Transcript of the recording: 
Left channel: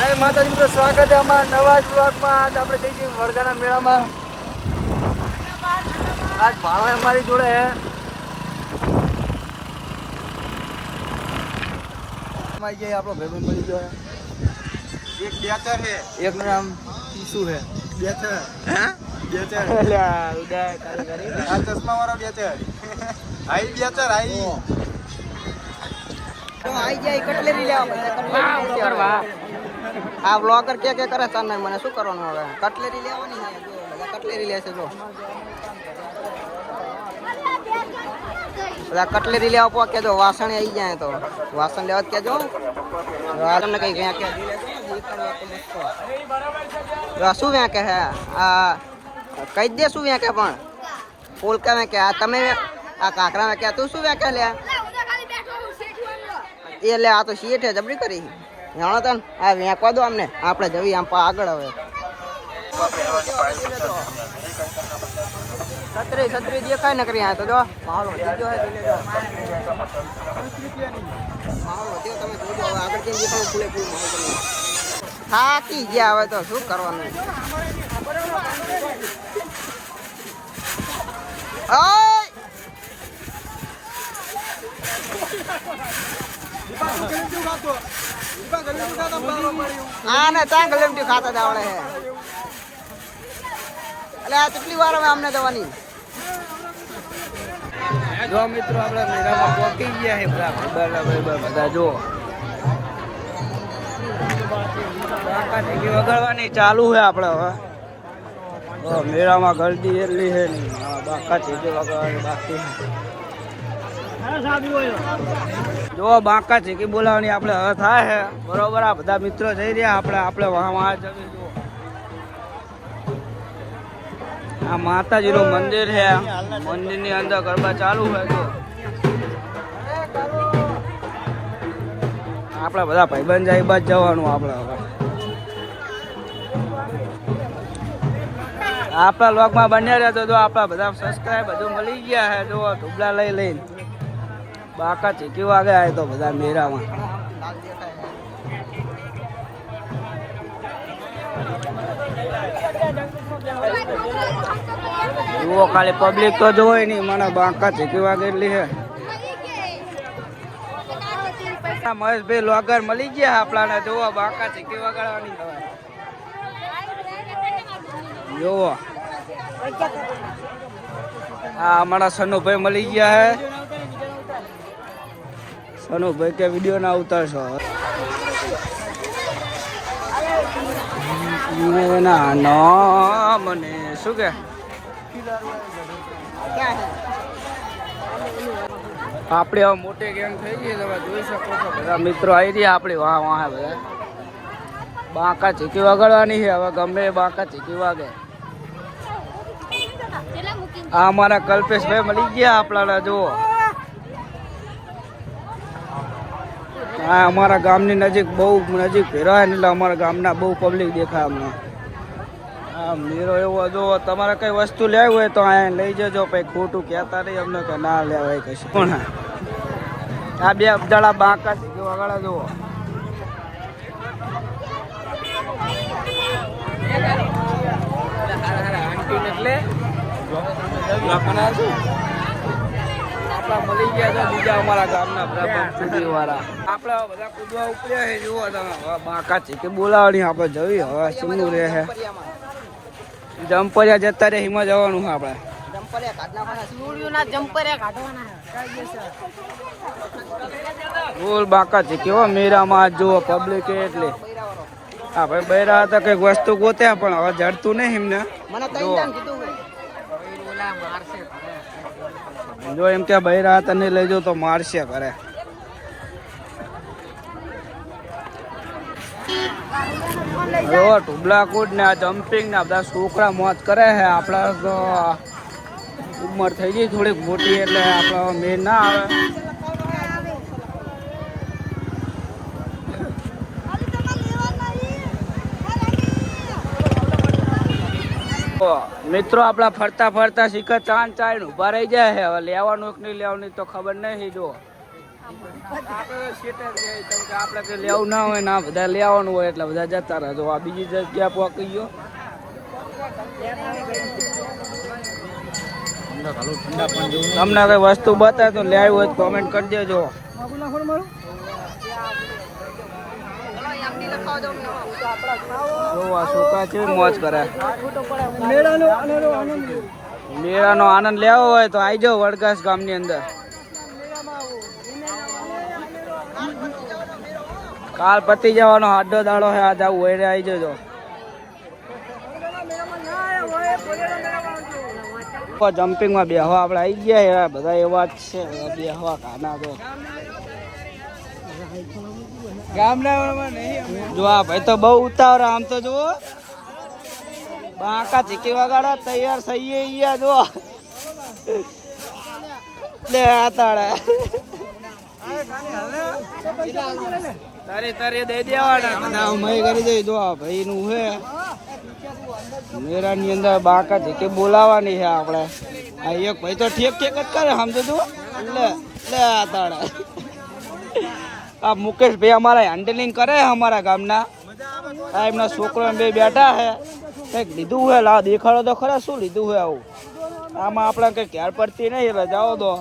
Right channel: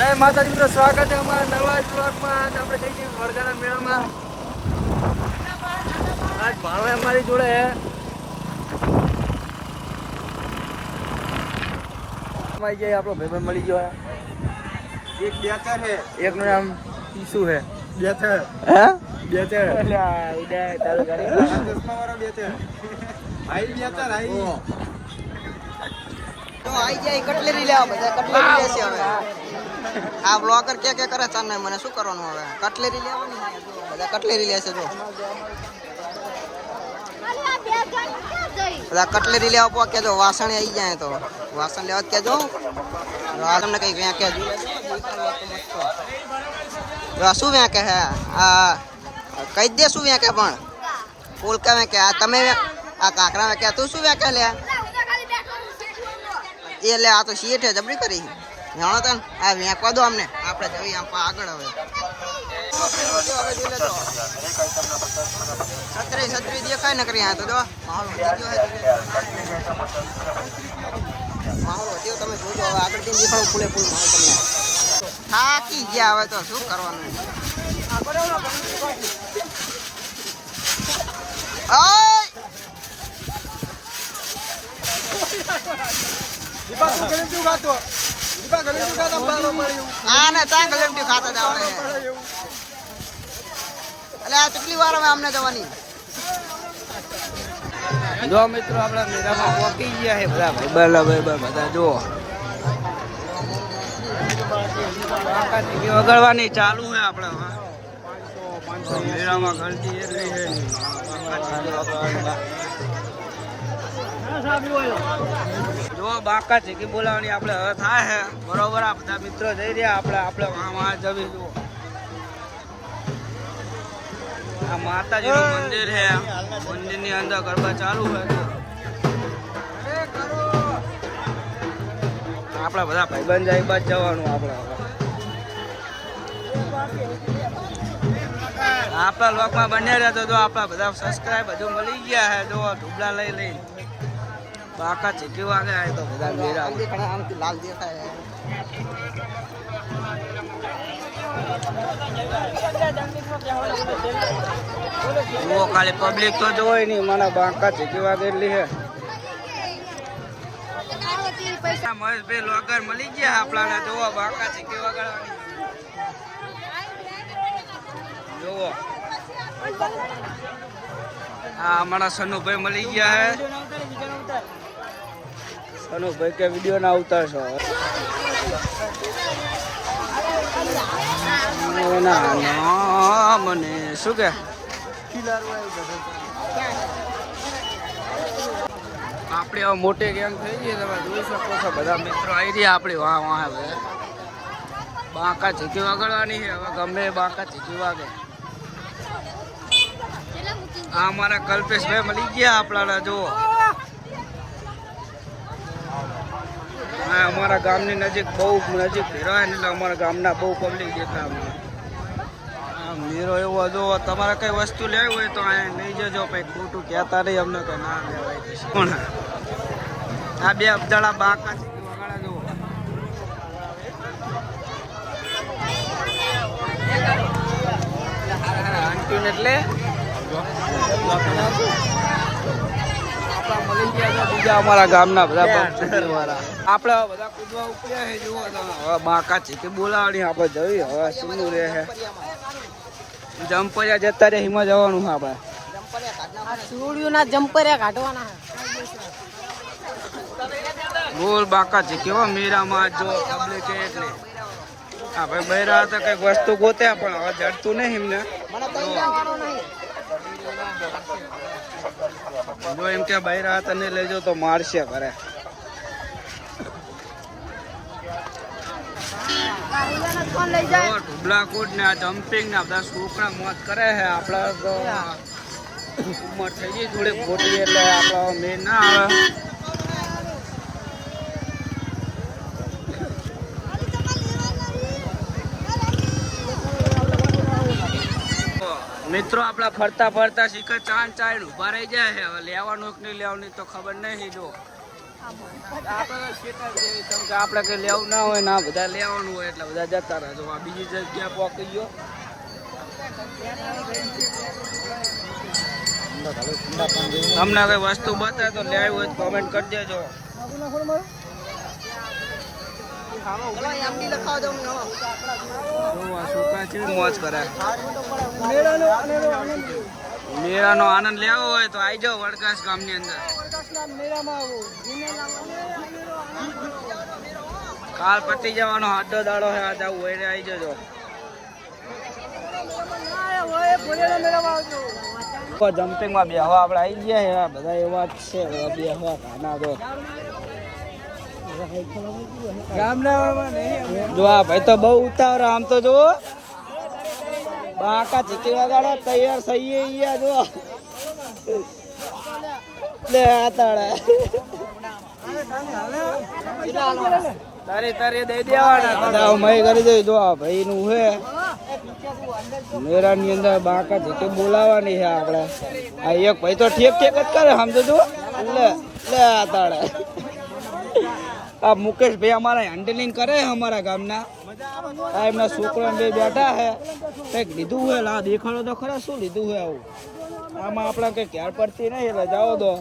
જય માતાજી મિત્રો, સ્વાગત છે અમારા નવા જ બ્લોગમાં। આજ આપણે જઈ છીએ વડગાના મેળામાં। આજ ભાણો અમારી જોડે હે। આપણો ભાઈબંધ મળી ગયો હે। એક બેચર હે, એકનું નામ શું હે? બેચર હે બેચર આ ચશ્મા વાળો બેચર આઈ બેચર આઈ તો આઈ જાય કટલેરી લેવા કટલેરી લેશે હવે આ બ્લોગર કે કરે ચાલ નહીં મને શું કરવાનું હવે કટલેરી લેવાની છે જો બધા કટલેરી લેશે જો બધા કટલેરી લેવા પો કેજો વાસણ આવી જાય તો વાસણ લેવા કેજો આ તમને કઈ ક્યાં કે દેખાડવા તો મસ્ત જો શું વ્યા કે હે આ કઈ દે શું વ્યા કે પણ ફૂલ કે કે આ તમે આ કાકરા માં કે તું શું વ્યા કે લે એ લે આ તો શેઠ હે જબરી કરી જાણો તને આ વેકવા દો અમને આપણે જવી આમ આગળ હવે છત્રી દેખાય ને કરી તો જો માહોલ વધી ગયો હે માહોલ વધ્યો તમે જોજો હવે આગળ થી દેખાડો ફૂલે ફૂલ માહોલ તમને થાકી ગયા હવે તો શું કરવાનું હા ને ચા ગલેમટી ખાતા જ આવડે હે એટલે આ કેટલી વાર હવે અમને જવાની જો મિત્રો આપણે મેળામાં પહોંચી ગયા છે બધા જો બાકા ટીકી વગાડવાની ચાલુ છે આપણે હવે મેળામાં ગળદી એટલી છે નહીં બાકા ટીકી વગાડવાની બાકી જો બાકા ચીકી બોલાવવાની આપણે હવે થાય છે બરોબર આ બધા મિત્રો થઈ રહ્યા આપણે વહાં જવી જુઓ આ માતાજીનું મંદિર છે મંદિરની અંદર ગરબા ચાલુ હોય તો આપણા બધા ભાઈબંધ જાય બાદ જવાનું આપણા લોકમાં બન્યા રહ્યા તો આપણા બધા સબસ્ક્રાઈબ બધું મળી ગયા છે જો ઢુબલા લઈ લઈને બાકા ચીકી વાગે આવે તો બધા મેળામાં લાલ દેખાય જુઓ ખાલી પબ્લિક તો જોઈ નહીં મને બાકા ચીકી વાગે એટલી છે મહેશભાઈ લોગર મળી ગયા આપણાને જોવો બાકા ચીકી વગાડવાની જોવો હા અમારા સનુભાઈ મળી ગયા હે સનુભાઈ કે વિડીયો ના ઉતારશો ના મને શું કે આપણે હવે મોટી ગેંગ થઈ ગઈ તમે જોઈ શકો છો બધા મિત્રો આવી રહ્યા આપણે વાહ બધા બાકા ચીકી વગાડવાની છે હવે ગમે બાકા ચીકી વાગે આ અમારા કલ્પેશભાઈ મળી ગયા આપણા જુઓ હા અમારા ગામની નજીક બહુ નજીક ફેરવાય ને એટલે અમારા ગામના બહુ પબ્લિક દેખાય હમણાં હા મેરો એવો જો તમારે કઈ વસ્તુ લેવી હોય તો અહીંયા લઈ જજો પછી ખોટું કહેતા નહીં અમને કે ના લેવાય કશું કોણ આ બે અબદાળા બાંકા છે કે વગાડા જુઓ એટલે આપડા મળી ગયા તો બીજા અમારા ગામના બધા બમચુડી વાળા આપણે બધા કૂદવા ઉપડ્યા છે જુઓ તમે હવે બાકા છે કે બોલાવવાની આપણે જોઈએ હવે શું રહે છે જમ્પરિયા જતા રહે હિમાં જવાનું છે આપણે ગોલ બાકા છે કેવો મેરામાં જુઓ પબ્લિક એટલે હા ભાઈ બૈરા હતા કઈક વસ્તુ ગોત્યા પણ હવે જડતું નહીં એમને જો એમ કે બૈરા તને લઈ જાવ તો મારશે ઘરે જો ઢુબલા કૂદ ને આ જમ્પિંગ ને બધા છોકરા મોજ કરે છે આપણા ઉંમર થઈ ગઈ થોડીક મોટી એટલે મેળ ના આવે મિત્રો આપડા ફરતા ફરતા શીખર ચાંદ ઉભા રહી જાય છે હવે લેવાનું કે નહીં લેવાનું તો ખબર નહીં જો આપણે શેટર છે કેમ કે આપણે કઈ લેવું ના હોય ને આ બધા લેવાનું હોય એટલે બધા જતા રહે. તો આ બીજી જગ્યા પહોંચી ગયું. તમને કઈ વસ્તુ બતાવે તો લેવી હોય તો કોમેન્ટ કરી દેજો. જોવા સુકા છે મોજ કરે. મેળાનો આનંદ લેવો હોય તો આવી જાઓ વડગાસ ગામની અંદર. કાલ પતી જવાનો આડો દાડો છે. આજ આવું હોય આવી જજો. જમ્પિંગમાં બેહવા આપણે આવી ગયા બધા એવા જ છે. બધા બેહવા કાના તો જો આ ભાઈ તો બહુ ઉતાવળ. આમ તો જુઓ બાકા ચીકી વગાડો તૈયાર થઈએ ગયા જો લે આતાડે તારે તારે દઈ દેવાના બધા મય કરી દઈ. જો આ ભાઈ નું હે મેરા ની અંદર બાકા ચીકી બોલાવાની છે આપણે. આ એક ભાઈ તો ઠેક ઠેક જ કરે સમજો જો લે લે આતાડે. આ મુકેશભાઈ અમારા હેન્ડલિંગ કરે અમારા ગામના. આ એમના છોકરા બે બેઠા હે. કંઈક લીધું હે લા દેખાડો તો ખરા શું લીધું હે આવું. આમાં આપણે કંઈ ખ્યાલ પડતી નહીં એટલે જાઓ દો.